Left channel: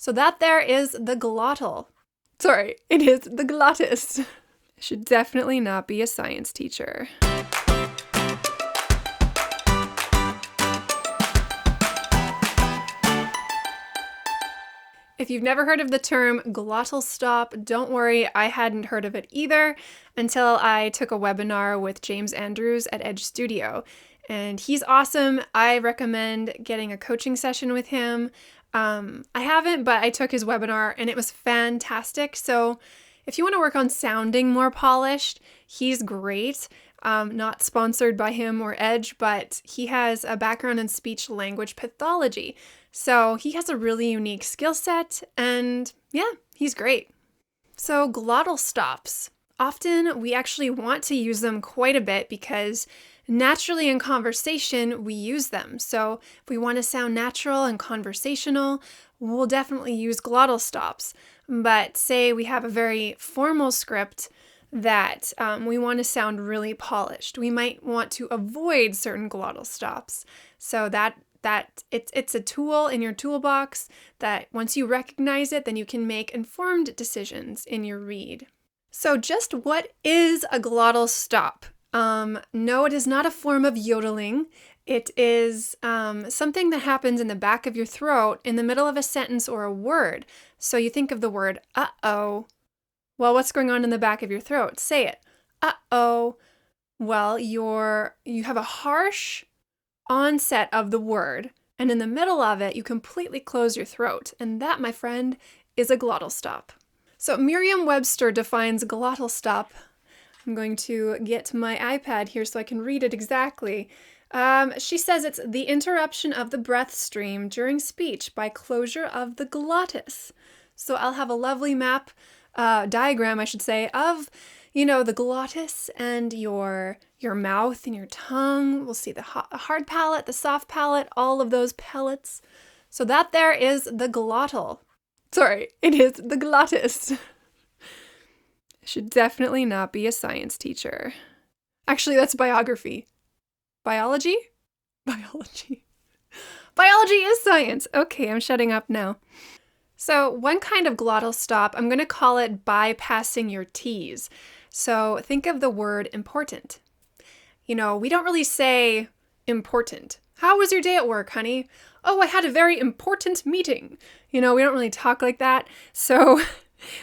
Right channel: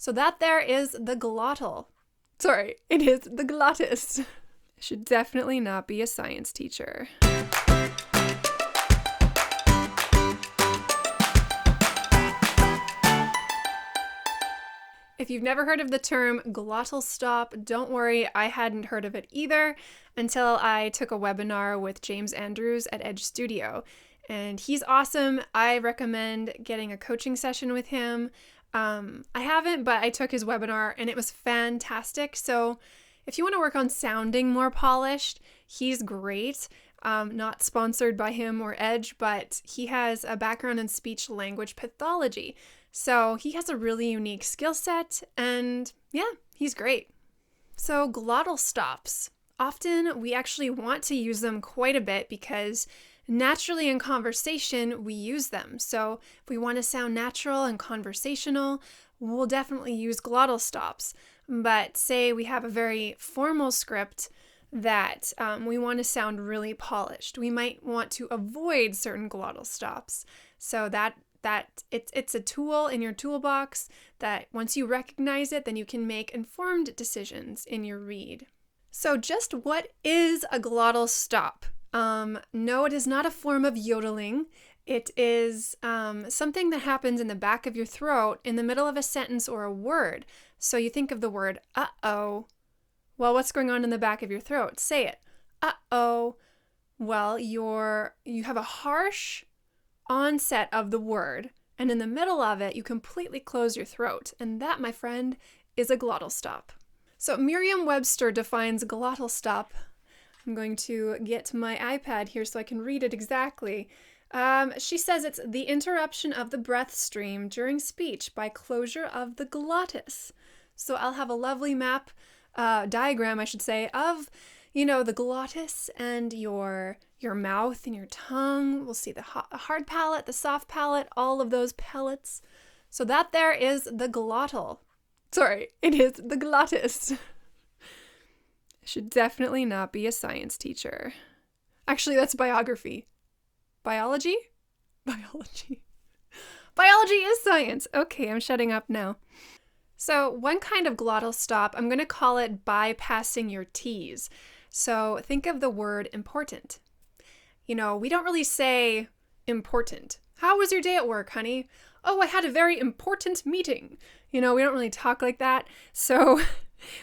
So that there is the glottal. Sorry, it is the glottis. I should definitely not be a science teacher. If you've never heard of the term glottal stop, don't worry, I hadn't heard of it either until I took a webinar with James Andrews at Edge Studio. And he's awesome. I recommend getting a coaching session with him. I haven't, but I took his webinar and it was fantastic. So if you want to work on sounding more polished, he's great. Not sponsored by him or Edge, but he has a background in speech language pathology. So he has a really unique skill set, and yeah, he's great. So glottal stops. Often we actually want to use them quite a bit because naturally in conversation we use them. So if we want to sound natural and conversational, we'll definitely use glottal stops. But say we have a very formal script that we want to sound really polished. We might want to avoid certain glottal stops. So that it's a tool in your toolbox that once you recognize it, then you can make informed decisions in your read. So just what is a glottal stop? No, it is not a form of yodeling. It is something that happens in the back of your throat in the middle of a sentence or a word. So you think of the word uh-oh. Well, what's going on in the back of your throat? Say it. Uh-oh. Well, you have a harsh onset of the word, and in the middle of it, you completely close your throat. And that, my friend, is a glottal stop. So Merriam-Webster defines glottal stop. I'm going to get my iPad here so I can read it exactly. She says it's the interruption of the breath stream during speech by closure of the glottis. So I'll have a lovely diagram, I should say, of the glottis and your mouth and your tongue. We'll see the hard palate, the soft palate, all of those pellets. So that there is the glottal. Sorry, it is the glottis. I should definitely not be a science teacher. Actually, that's biography. Biology? Biology. Biology is science. Okay, I'm shutting up now. So one kind of glottal stop, I'm going to call it bypassing your T's. So think of the word important. We don't really say important. How was your day at work, honey? Oh, I had a very important meeting. We don't really talk like that. So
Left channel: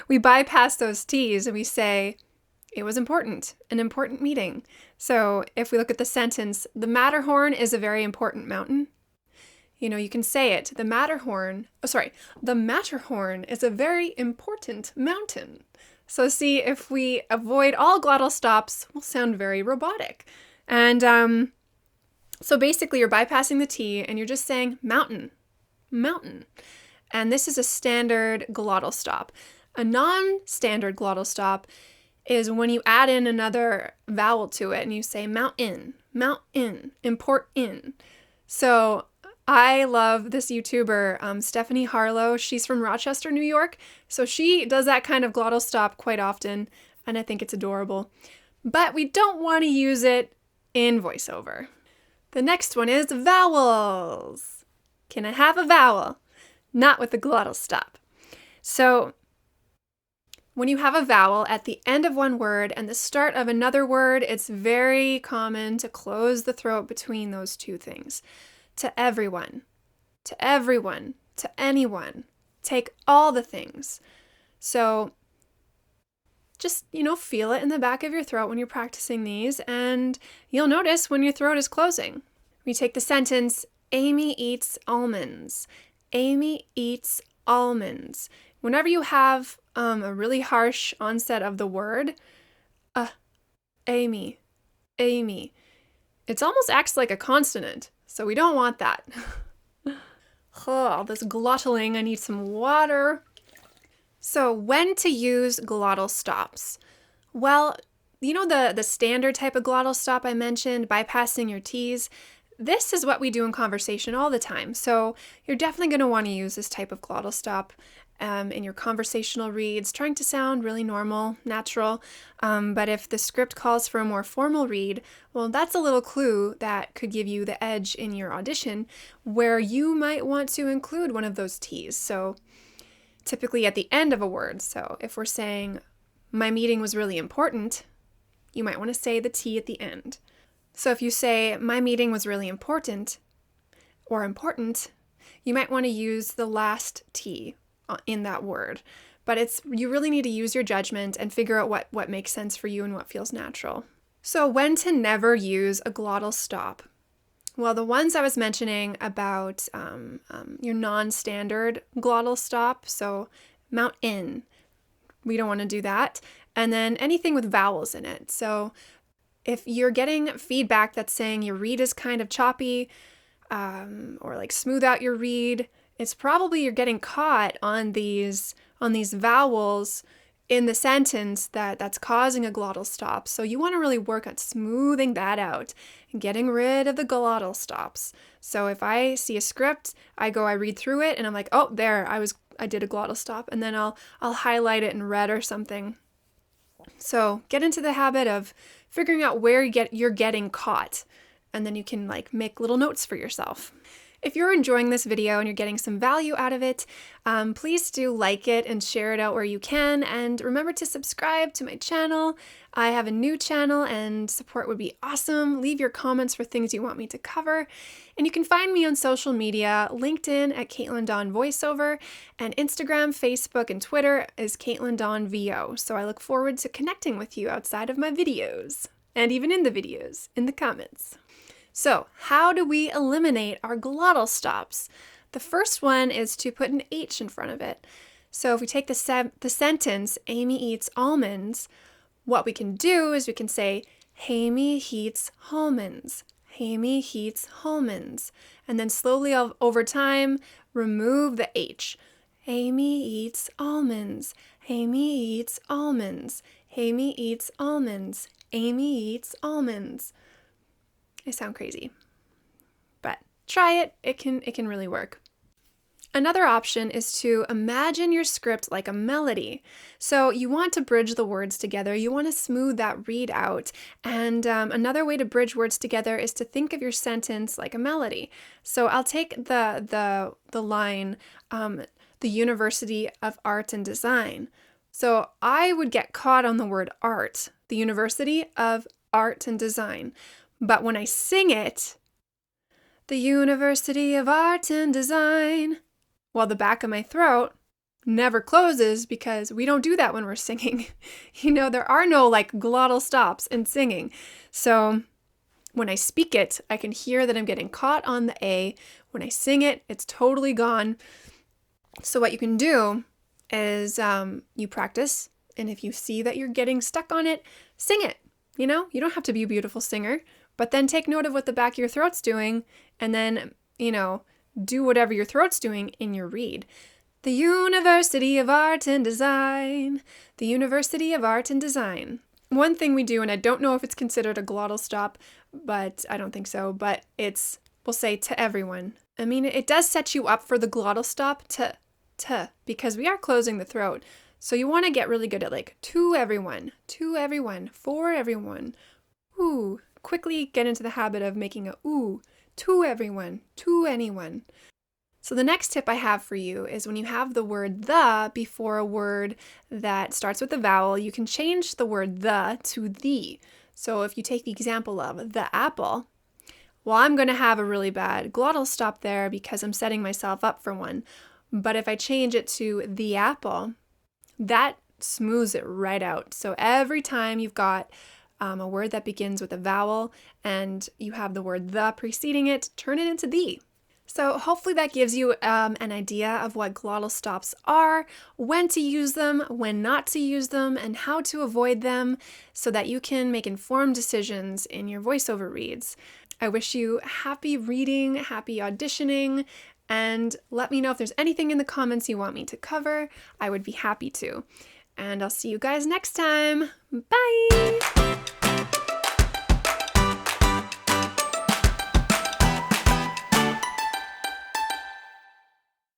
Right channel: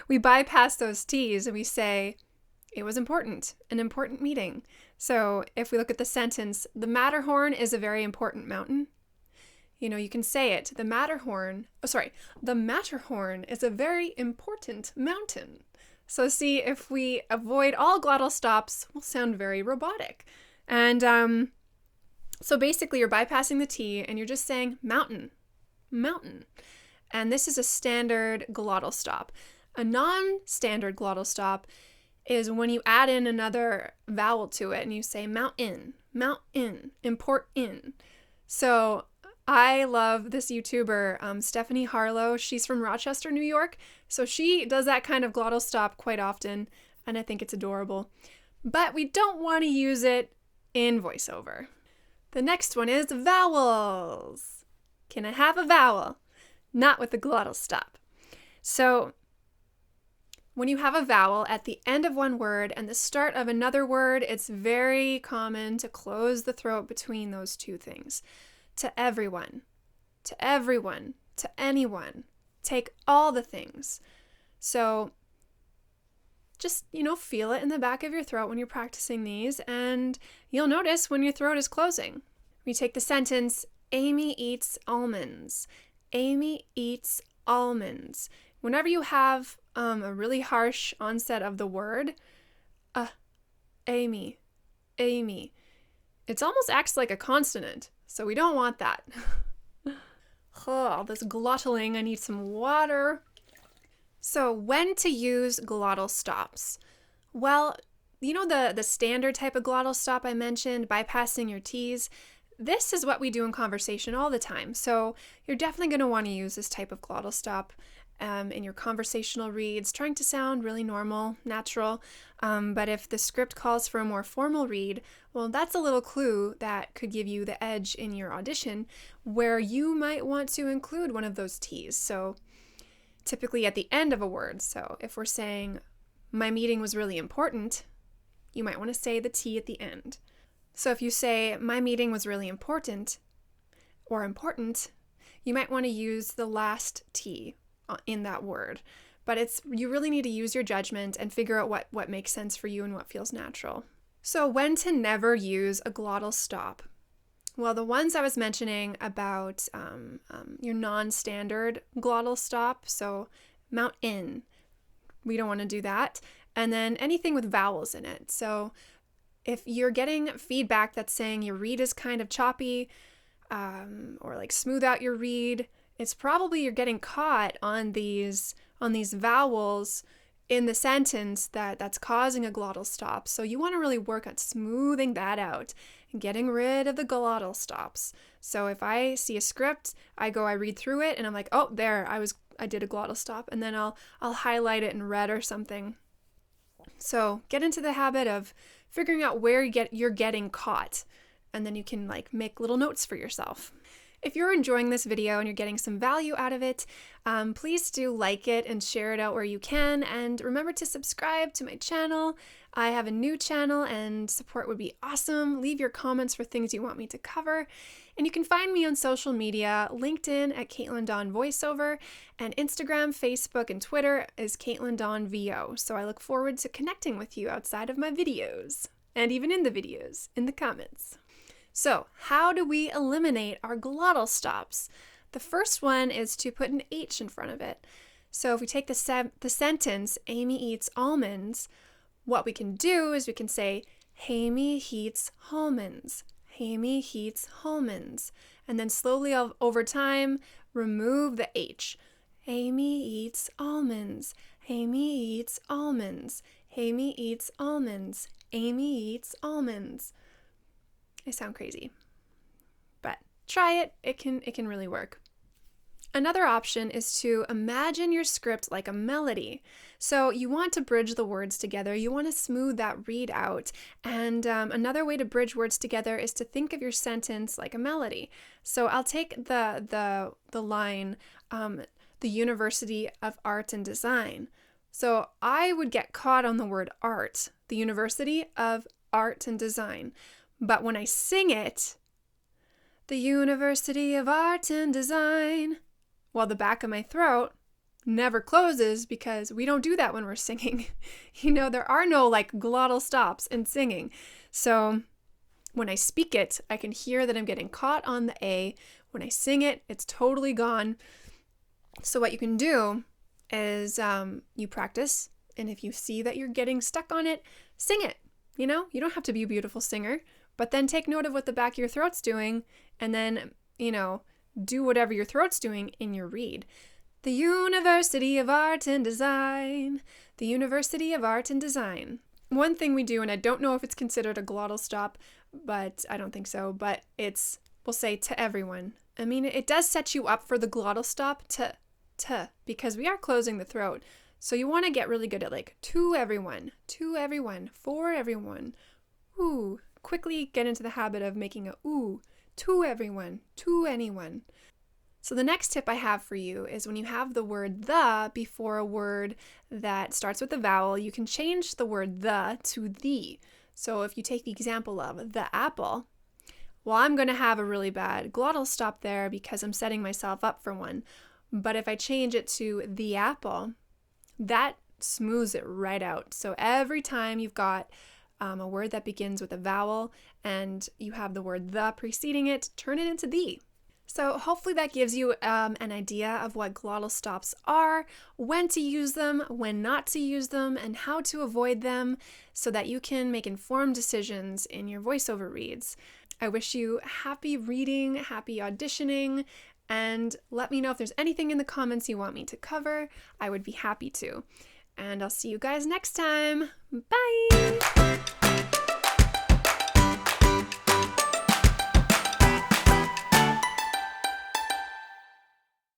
we bypass those T's and we say, it was important, an important meeting. So if we look at the sentence, the Matterhorn is a very important mountain. You can say it. The Matterhorn is a very important mountain. So see, if we avoid all glottal stops, we'll sound very robotic. And so basically you're bypassing the T and you're just saying mountain. And this is a standard glottal stop. A non-standard glottal stop is when you add in another vowel to it and you say mountain, import in. So I love this YouTuber, Stephanie Harlow. She's from Rochester, New York. So she does that kind of glottal stop quite often, and I think it's adorable. But we don't want to use it in voiceover. The next one is vowels. Can I have a vowel? Not with the glottal stop. So when you have a vowel at the end of one word and the start of another word, it's very common to close the throat between those two things. To everyone, to anyone, take all the things. So just, feel it in the back of your throat when you're practicing these, and you'll notice when your throat is closing. We take the sentence, Amy eats almonds. Amy eats almonds. Whenever you have a really harsh onset of the word, Amy, it almost acts like a consonant. So we don't want that. All this glottaling, I need some water. So when to use glottal stops? Well, the standard type of glottal stop I mentioned, bypassing your T's, this is what we do in conversation all the time. So you're definitely going to want to use this type of glottal stop in your conversational reads, trying to sound really normal, natural. But if the script calls for a more formal read, well, that's a little clue that could give you the edge in your audition where you might want to include one of those T's. So typically at the end of a word. So if we're saying, my meeting was really important, you might want to say the T at the end. So if you say, my meeting was really important, or important, you might want to use the last T in that word. But you really need to use your judgment and figure out what makes sense for you and what feels natural. So when to never use a glottal stop? Well, the ones I was mentioning about your non-standard glottal stop, so mount in, we don't want to do that. And then anything with vowels in it. So if you're getting feedback that's saying your read is kind of choppy, or like smooth out your read, it's probably you're getting caught on these vowels in the sentence that's causing a glottal stop. So you want to really work on smoothing that out and getting rid of the glottal stops. So if I see a script, I read through it and I'm like, oh, there, I did a glottal stop, and then I'll highlight it in red or something. So get into the habit of figuring out where you're getting caught, and then you can make little notes for yourself. If you're enjoying this video and you're getting some value out of it, please do like it and share it out where you can. And remember to subscribe to my channel. I have a new channel and support would be awesome. Leave your comments for things you want me to cover. And you can find me on social media, LinkedIn at katelyndawn voiceover, and Instagram, Facebook, and Twitter is katelyndawn VO. So I look forward to connecting with you outside of my videos, and even in the videos, in the comments. So, how do we eliminate our glottal stops? The first one is to put an H in front of it. So if we take the sentence, Amy eats almonds, what we can do is we can say, Hamy eats halmonds. Hamy eats halmonds. And then slowly over time, remove the H. Amy eats almonds. Hamy eats almonds. Hamy eats almonds. Amy eats almonds. I sound crazy, but try it. It can really work. Another option is to imagine your script like a melody. So you want to bridge the words together. You want to smooth that read out. And another way to bridge words together is to think of your sentence like a melody. So I'll take the line, the University of Art and Design. So I would get caught on the word art, the University of Art and Design. But when I sing it, the University of Art and Design, well, the back of my throat never closes because we don't do that when we're singing. There are no glottal stops in singing. So when I speak it, I can hear that I'm getting caught on the A. When I sing it, it's totally gone. So what you can do is you practice, and if you see that you're getting stuck on it, sing it. You don't have to be a beautiful singer, but then take note of what the back of your throat's doing, and then, do whatever your throat's doing in your read. The University of Art and Design. The University of Art and Design. One thing we do, and I don't know if it's considered a glottal stop, but I don't think so, but we'll say to everyone. I mean, it does set you up for the glottal stop to, because we are closing the throat. So you want to get really good at to everyone, for everyone. Ooh, quickly get into the habit of making a ooh, to everyone, to anyone. So the next tip I have for you is when you have the word the before a word that starts with a vowel, you can change the word the to the. So if you take the example of the apple, well, I'm going to have a really bad glottal stop there because I'm setting myself up for one. But if I change it to the apple, that smooths it right out. So every time you've got a word that begins with a vowel and you have the word the preceding it, turn it into the. So hopefully that gives you an idea of what glottal stops are, when to use them, when not to use them, and how to avoid them so that you can make informed decisions in your voiceover reads. I wish you happy reading, happy auditioning, and let me know if there's anything in the comments you want me to cover. I would be happy to. And I'll see you guys next time. Bye!